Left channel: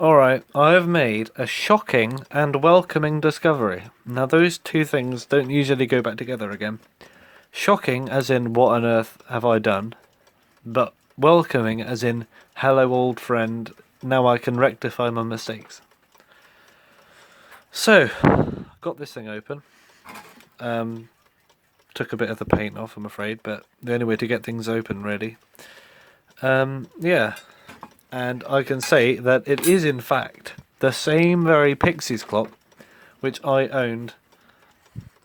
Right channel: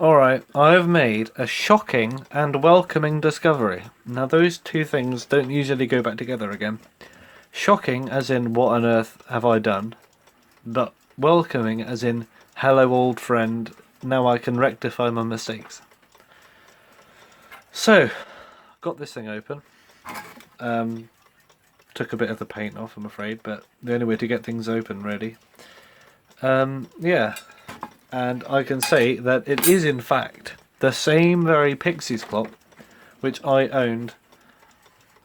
Alright, I have made a shocking and welcoming discovery. Now, those two things don't usually go back together again. Shocking, as in, what on earth have I done? But welcoming, as in, hello, old friend, now I can rectify my mistakes. So, got this thing open. Took a bit of the paint off, I'm afraid, but the only way to get things open, really. Yeah, and I can say that it is, in fact, the same very Pixies clock which I owned.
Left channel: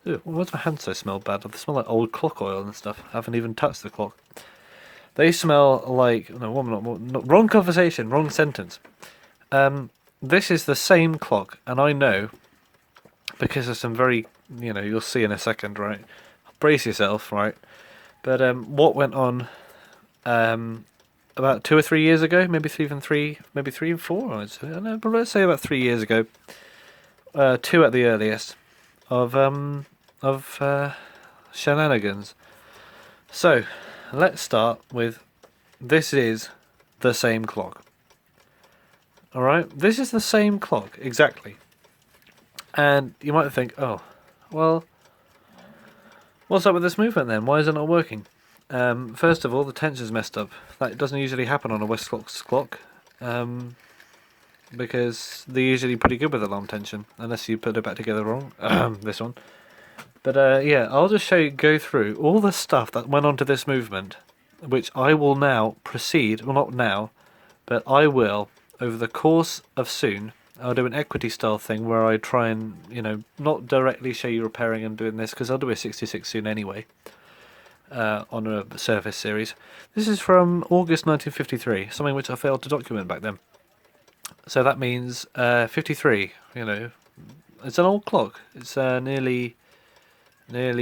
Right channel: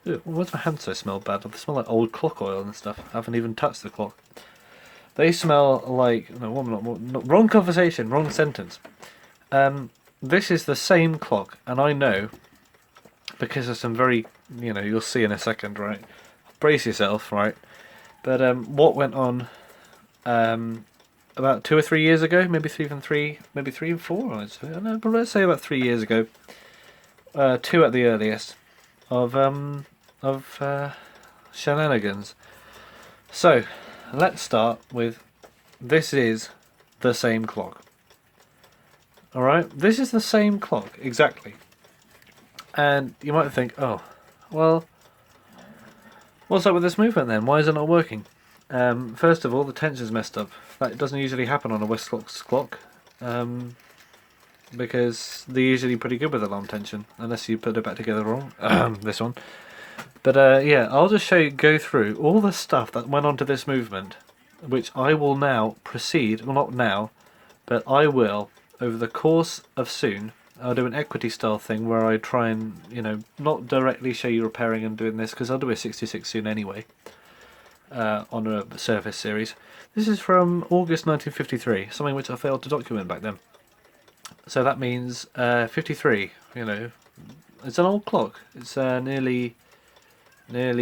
Ew, why does my hand so smell bad? They smell like old clock oil and stuff. I haven't even touched the clock. They smell like... No, wrong conversation, wrong sentence. This is the same clock, and I know, because there's some very... you'll see in a second, right? Brace yourself, right? But what went on about 2 or 3 years ago, maybe maybe 3 and 4, I'd say. I don't know, but let's say about 3 years ago. 2 at the earliest. Of shenanigans. So, let's start with, this is the same clock. Alright, this is the same clock, exactly. And you might think, oh, well, what's up with this movement then? Why is it not working? First of all, the tension's messed up. That doesn't usually happen on a Westclox clock. Because they're usually pretty good with alarm tension, unless you put it back together wrong. This one. But yeah, I'll just go through all the stuff that went onto this movement, which I will now proceed, well, not now, but I will, over the course of soon, I'll do an equity style thing where I try and, not directly show you repairing and doing this, because I'll do a 66 soon anyway, on a Surface series. This is from August 1953, something which I failed to document back then. So that means 53, it's an old clock. It's nearly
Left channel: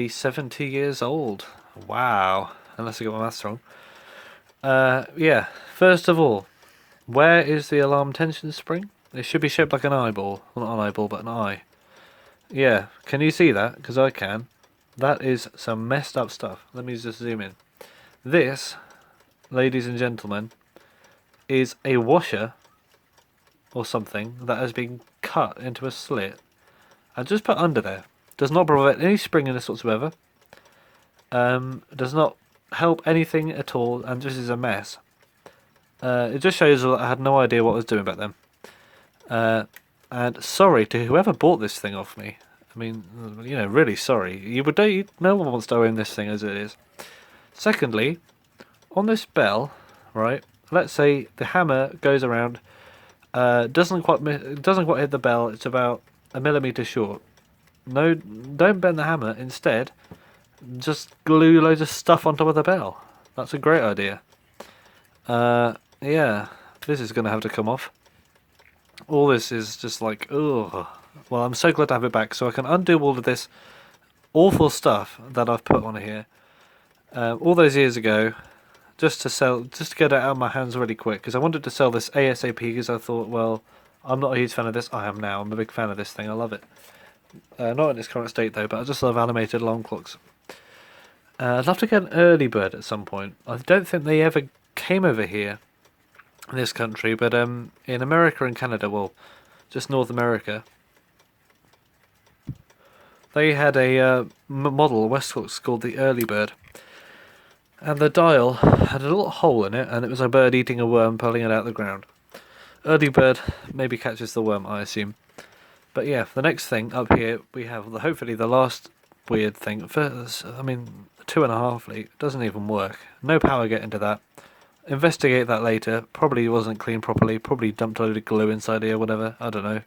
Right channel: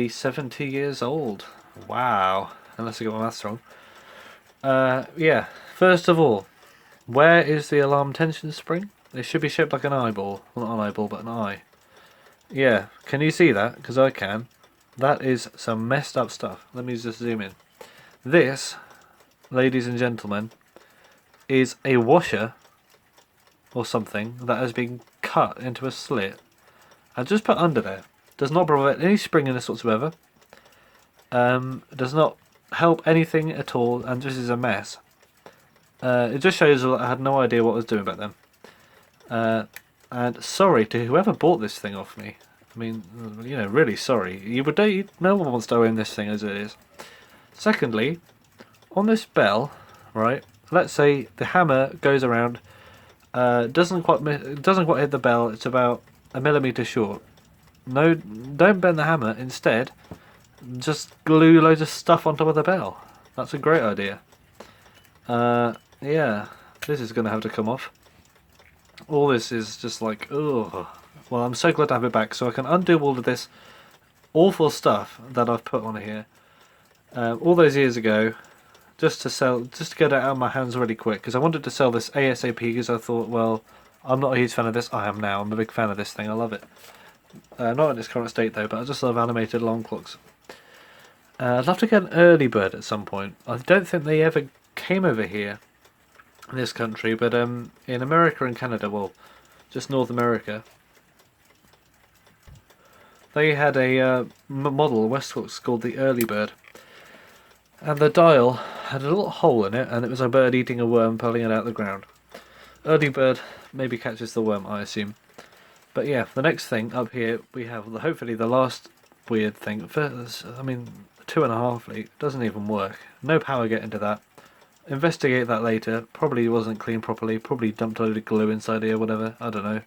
70 years old. Wow. Unless I got my maths wrong. Yeah. First of all, where is the alarm tension spring? It should be shaped like an eyeball. Well, not an eyeball, but an eye. Yeah. Can you see that? Because I can. That is some messed up stuff. Let me just zoom in. This, ladies and gentlemen, is a washer or something that has been cut into a slit and just put under there. Does not provide any springiness whatsoever. Does not help anything at all, and just is a mess. It just shows that I had no idea what I was doing back then. And sorry to whoever bought this thing off me. I mean, really sorry. No one wants to own this thing as it is. Secondly, on this bell, right? Let's say the hammer goes around. Doesn't quite hit the bell. It's about a millimetre short. No, don't bend the hammer. Instead, just glue loads of stuff on top of the bell. That's a great idea. Yeah, this is going to have to come off. All this is just like, ugh. Well, I'm so glad to have it back, so I can undo all of this awful stuff that I've put on here all those years ago, just to get it out of my hands really quick, because I wanted to sell this ASAP, because I thought, well, I'm not a huge fan of this. I am now. I'm a big fan of this thing. I love it. Not in its current state though, but I just love animated alarm clocks. I'd love to get an early bird at some point. I don't think they ever came over here in this country, but in America and Canada, well, just North America, they had a model, Westclox, called the early bird. And the dial had a little hole in it, and it was a bird eating a worm, pulling it out of the ground. Early bird maybe catches the worm, I assume. But yeah, the next thing up here, we have hopefully the last weird thing. First, I mean, 2.5 leak doesn't even work. No power get into that. Investigate that later. Probably wasn't cleaned properly. Probably dumped a load of glue inside here, whatever. I don't know.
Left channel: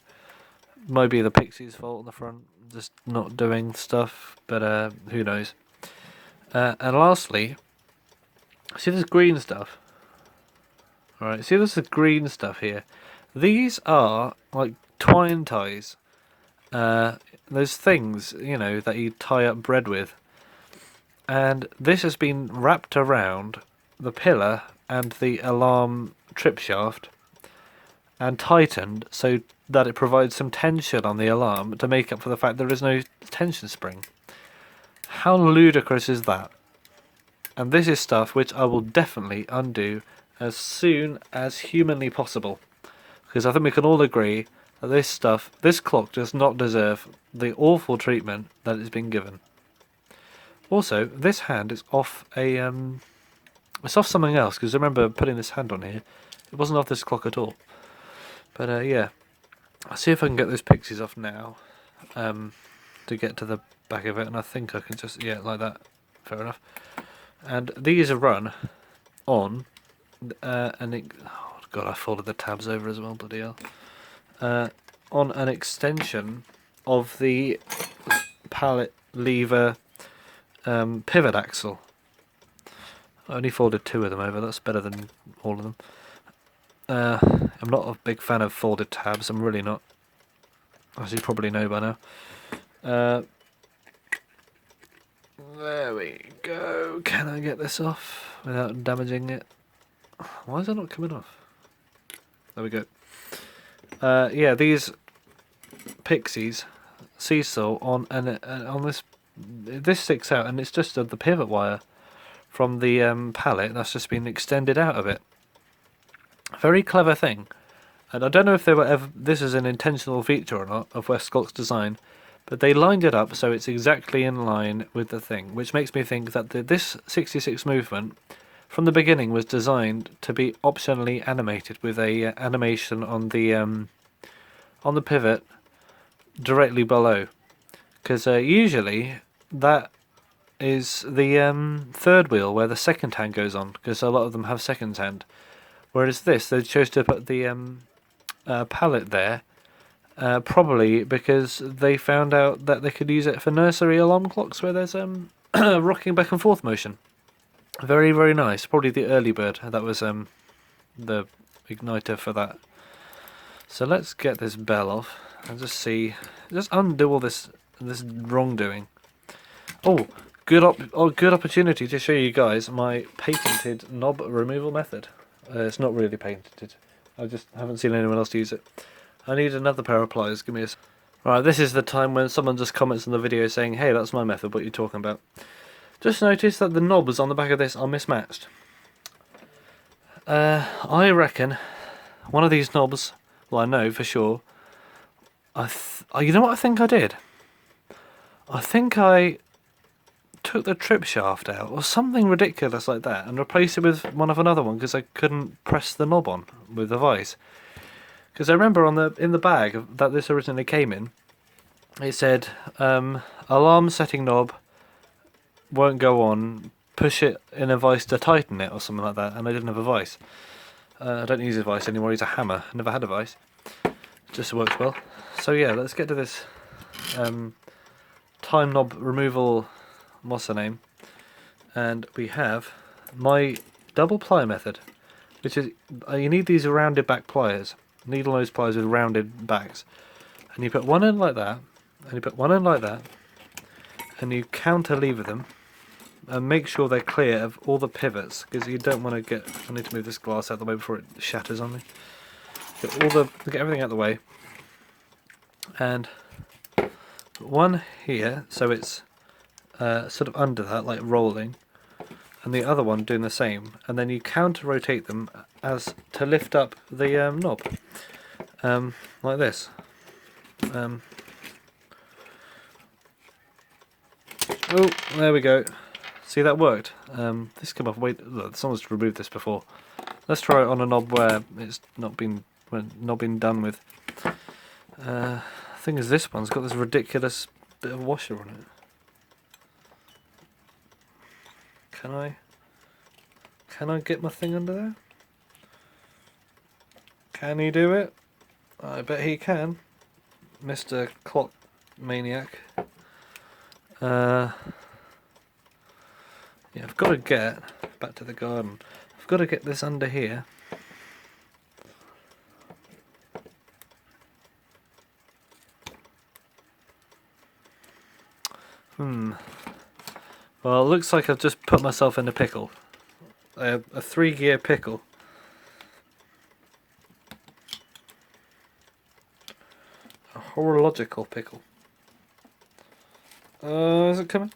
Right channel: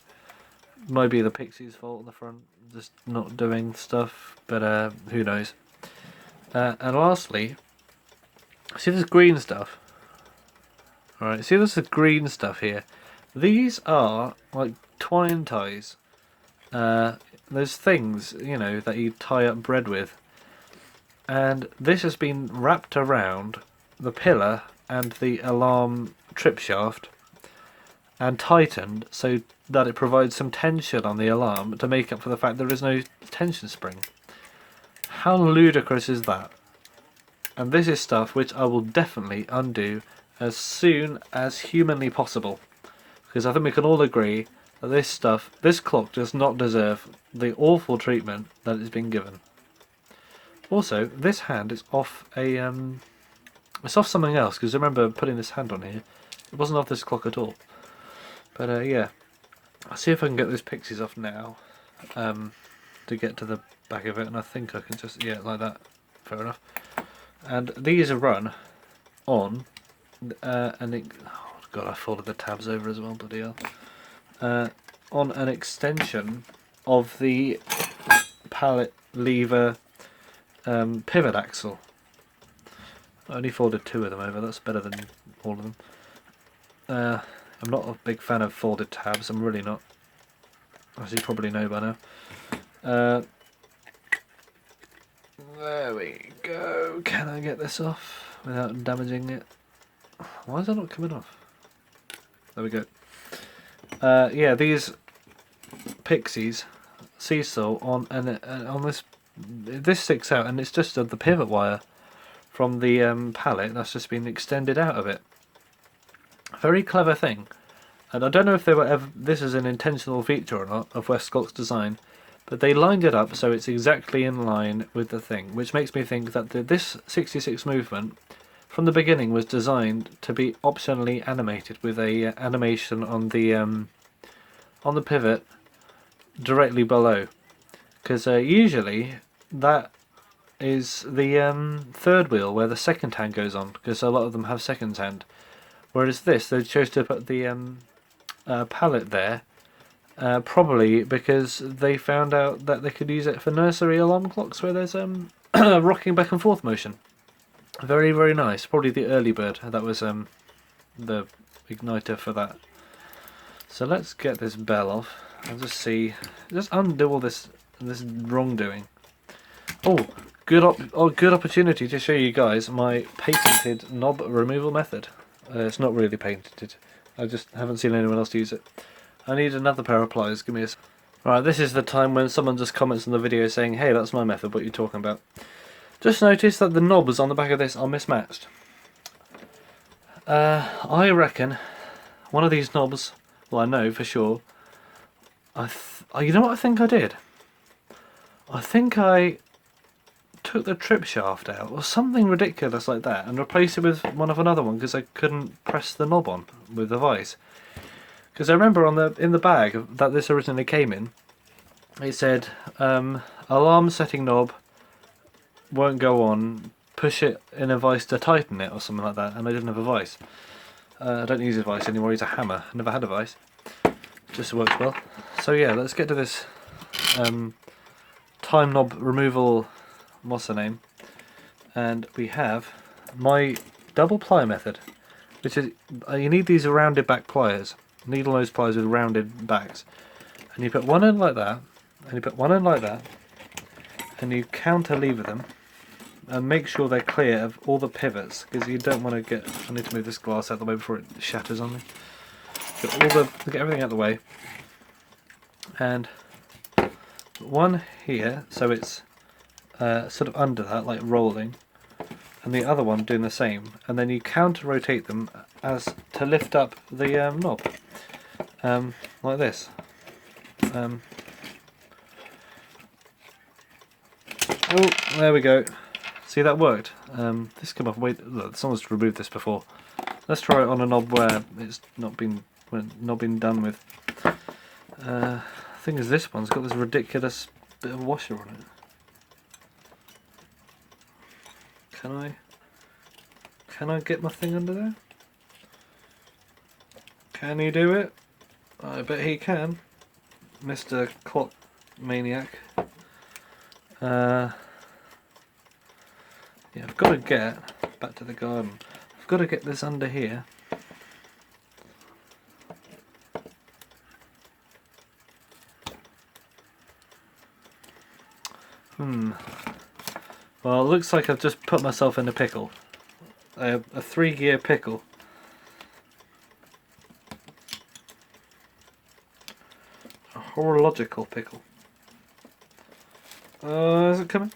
Might be the Pixie's fault on the front, just not doing stuff. But who knows? And lastly, see this green stuff. Alright, see this green stuff here. These are like twine ties. Those things, that you tie up bread with. And this has been wrapped around the pillar and the alarm trip shaft and tightened so that it provides some tension on the alarm to make up for the fact there is no tension spring. How ludicrous is that? And this is stuff which I will definitely undo as soon as humanly possible. Because I think we can all agree that this clock does not deserve the awful treatment that it's been given. Also, this hand is off it's off something else, because I remember putting this hand on here. It wasn't off this clock at all. But yeah, I'll see if I can get those pixies off now, to get to the back of it, and I think I can just, yeah, like that. Fair enough. And these are run on, oh god, I folded the tabs over as well, bloody hell. On an extension of the pallet lever pivot axle. I only folded 2 of them over, that's better than all of them. I'm not a big fan of folded tabs, I'm really not. As you probably know by now. There we go. Can I get this off without damaging it? Why is that not coming off? There we go. Yeah, these pixies seesaw on this sticks out, and it's just the pivot wire from the pallet that's just been extended out of it. Very clever thing, and I don't know if this is an intentional feature or not of Westclox design, but they lined it up so it's exactly in line with the thing, which makes me think that this 66 movement from the beginning was designed to be optionally animated with a animation on the pivot directly below, because usually that is the third wheel where the second hand goes on, because a lot of them have second hand, whereas this they chose to put the pallet there, probably because they found out that they could use it for nursery alarm clocks where there's rocking back and forth motion. Very, very nice. Probably the early bird that was the igniter for that. So let's get this bell off and just undo all this wrongdoing. Oh, good opportunity to show you guys my patented knob removal method. It's not really patented. I just haven't seen anyone else use it. I need another pair of pliers. Give me a... Right, this is the time when someone just comments in the video saying, "Hey, that's my method. What are you talking about?" Just noticed that the knobs on the back of this are mismatched. I reckon one of these knobs, well, I know for sure. You know what I think I did? I think I took the trip shaft out or something ridiculous like that and replaced it with one of another one because I couldn't press the knob on with the vise. Because I remember in the bag that this originally came in, it said alarm setting knob won't go on, push it in a vise to tighten it or something like that, and I didn't have a vise. I don't use a vise anymore, I use a hammer. Never had a vise. Just works well. So yeah, let's get to this time knob removal, what's the name? And we have my double ply method, which is, you need these rounded back pliers, needle nose pliers with rounded backs. And you put one in like that, and you put one in like that, and you counter lever them, and make sure they're clear of all the pivots, because you don't want to get... I need to move this glass out of the way before it shatters on me. Get everything out of the way, and one here, so it's sort of under that, like rolling, and the other one doing the same, and then you counter rotate them as to lift up the knob, like this. Oh, there we go. See, that worked. This came off. Wait, look, someone's removed this before. Let's try it on a knob where it's not been done with. Thing is, this one's got this ridiculous bit of washer on it. Can I get my thing under there? Can he do it? I bet he can, Mr. Clock Maniac. Yeah, I've got to get back to the garden. I've got to get this under here. Well, it looks like I've just put myself in a pickle. A 3-gear pickle. A horological pickle. Is it coming?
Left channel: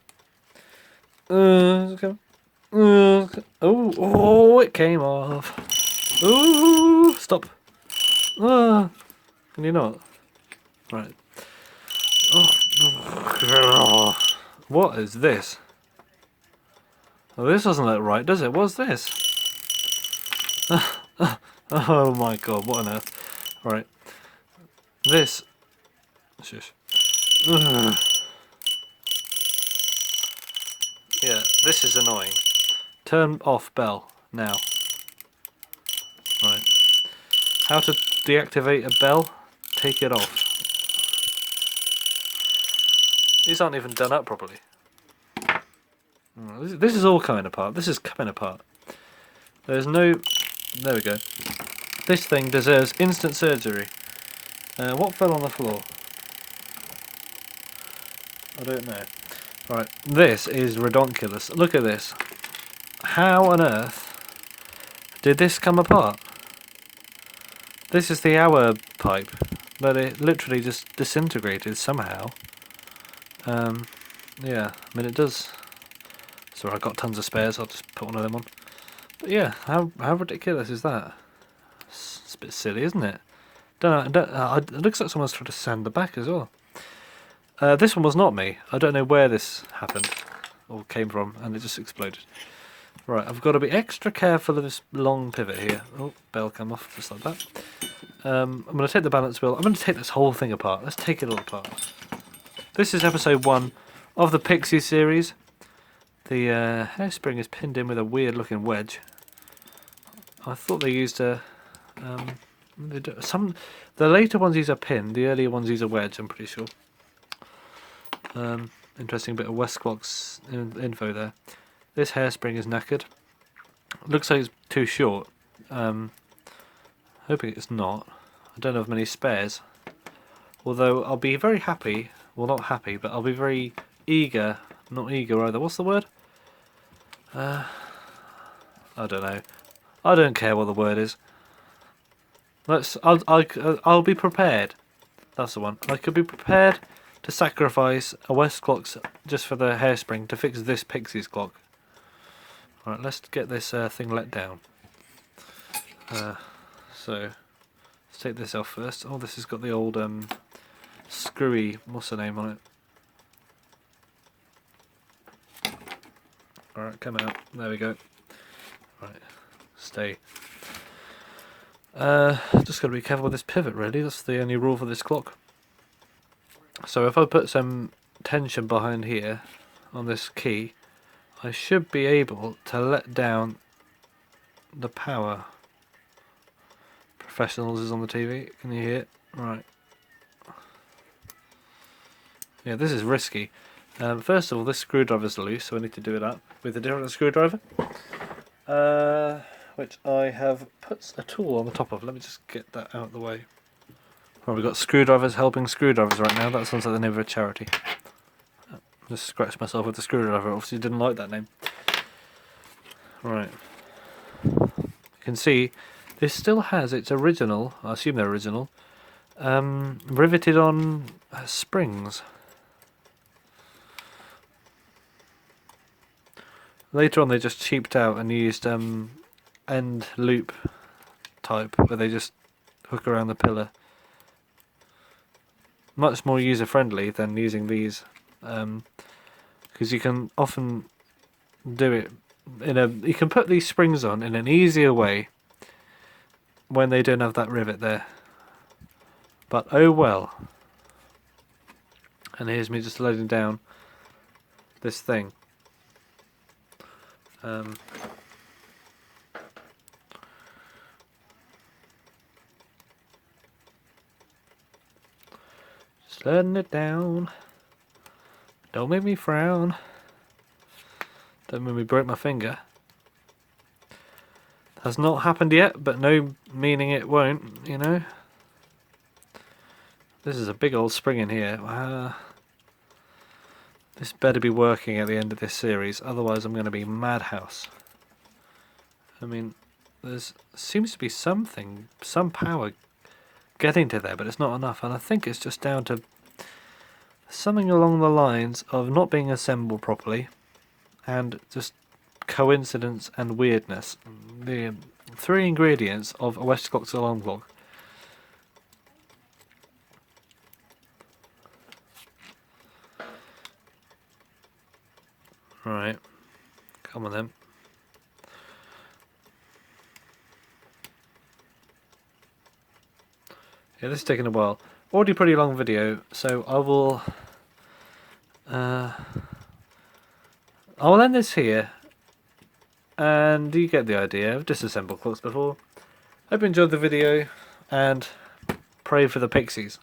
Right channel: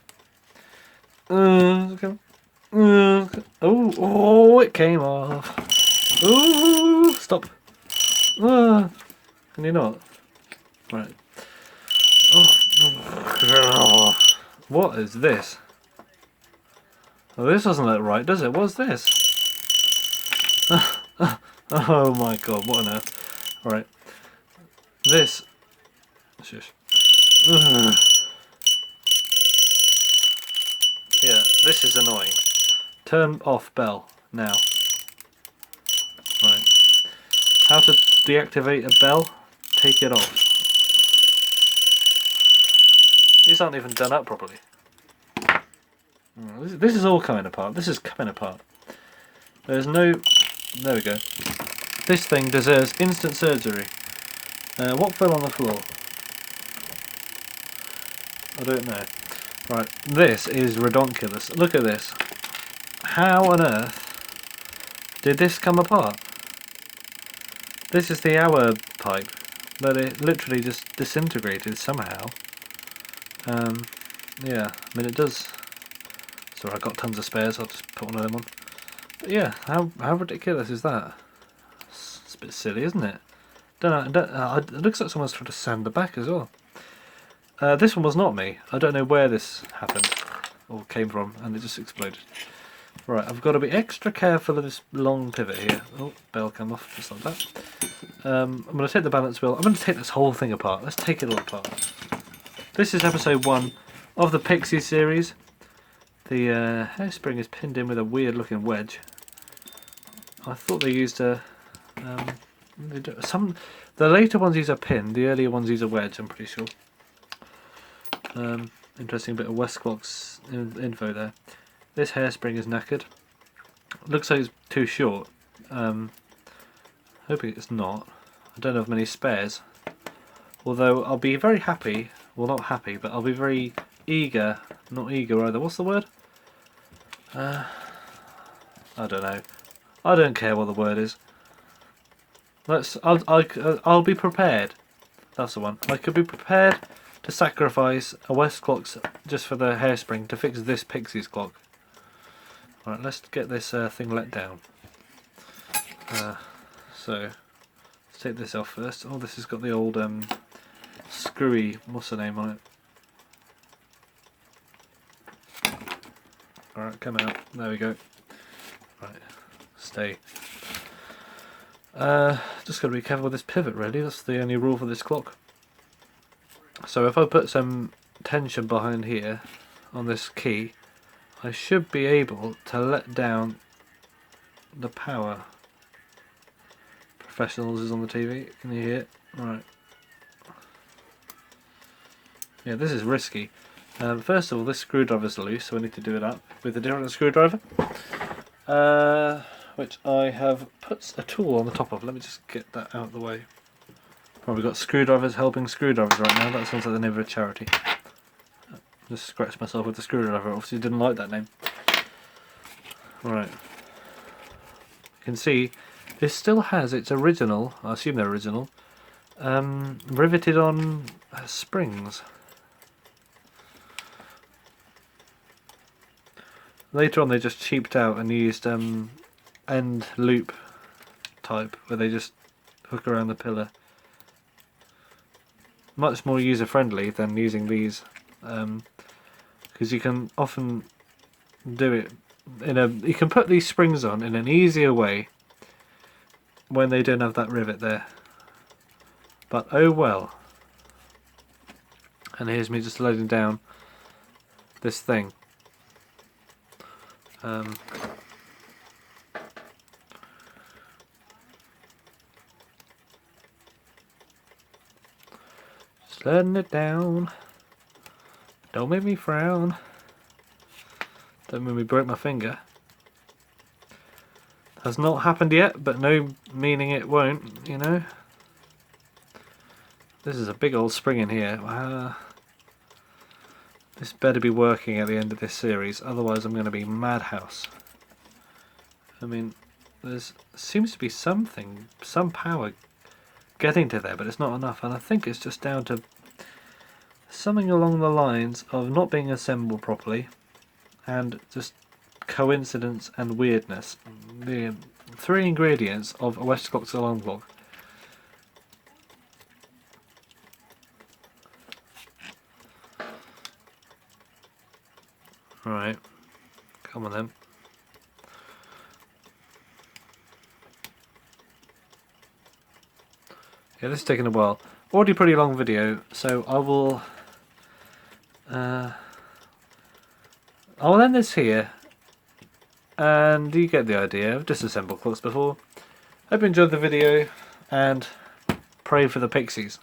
Is it coming? Oh, it came off. Ooh, stop. Ah, can you not? Right. Oh. What is this? Oh, this doesn't look right, does it? What's this? Oh my god, what on earth? Right. This. Shush. Ugh. Yeah, this is annoying. Turn off bell now. Right. How to deactivate a bell? Take it off. These aren't even done up properly. This is all coming apart. This is coming apart. There's no... There we go. This thing deserves instant surgery. What fell on the floor? I don't know. Right, this is redonkulous. Look at this. How on earth did this come apart? This is the hour pipe, but it literally just disintegrated somehow. Yeah, I mean it does. Sorry, I've got tons of spares, I'll just put one of them on. But yeah, how ridiculous is that? It's a bit silly, isn't it? It looks like someone's tried to sand the back as well. This one was not me. I don't know where this happened or came from, and it just exploded. Right, I've got to be extra careful of this long pivot here. Oh, bell come off just like that. I'm going to take the balance wheel. I'm going to take this whole thing apart. Let's take it all apart. This is episode 1 of the Pixie series. The hairspring is pinned in with a weird looking wedge. I thought they used a... the later ones use a pin, the earlier ones use a wedge, I'm pretty sure. Interesting bit of Westclox info there. This hairspring is knackered. Looks like it's too short. Hoping it's not. I don't have many spares. Although I'll be very happy, well not happy, but I'll be very eager, not eager either. What's the word? I don't know. I don't care what the word is. I'll be prepared. That's the one. I could be prepared to sacrifice a Westclox just for the hairspring to fix this Pixie's clock. Right, let's get this thing let down. So, let's take this off first. Oh, this has got the old screwy, what's the name on it? Alright, come out. There we go. Right, stay. Just got to be careful with this pivot really, that's the only rule for this clock. So if I put some tension behind here on this key, I should be able to let down the power. Professionals is on the TV, can you hear it? Right. Yeah, this is risky. First of all, this screwdriver's loose, so I need to do it up with a different screwdriver. Which I have put a tool on the top of. Let me just get that out of the way. Well, we've got screwdrivers helping screwdrivers right now. That sounds like the name of a charity. Just scratched myself with the screwdriver. Obviously didn't like that name. Right. You can see this still has its original, I assume they're original, riveted on springs. Later on they just cheaped out and used end loop type where they just hook around the pillar. Much more user friendly than using these, because you can often do it you can put these springs on in an easier way when they don't have that rivet there. But oh well. And here's me just loading down this thing. Just letting it down. Don't make me frown. Don't make me break my finger. Has not happened yet, but no meaning it won't, you know. This is a big old spring in here. This better be working at the end of this series, otherwise I'm going to be madhouse. I mean, there seems to be some power getting to there, but it's not enough, and I think it's just down to something along the lines of not being assembled properly, and just coincidence and weirdness. The 3 ingredients of a Westclox alarm clock Right. Come on then. Yeah, this is taking a while. Already pretty long video, so I will end this here. And you get the idea. I've disassembled clocks before. Hope you enjoyed the video, and pray for the pixies.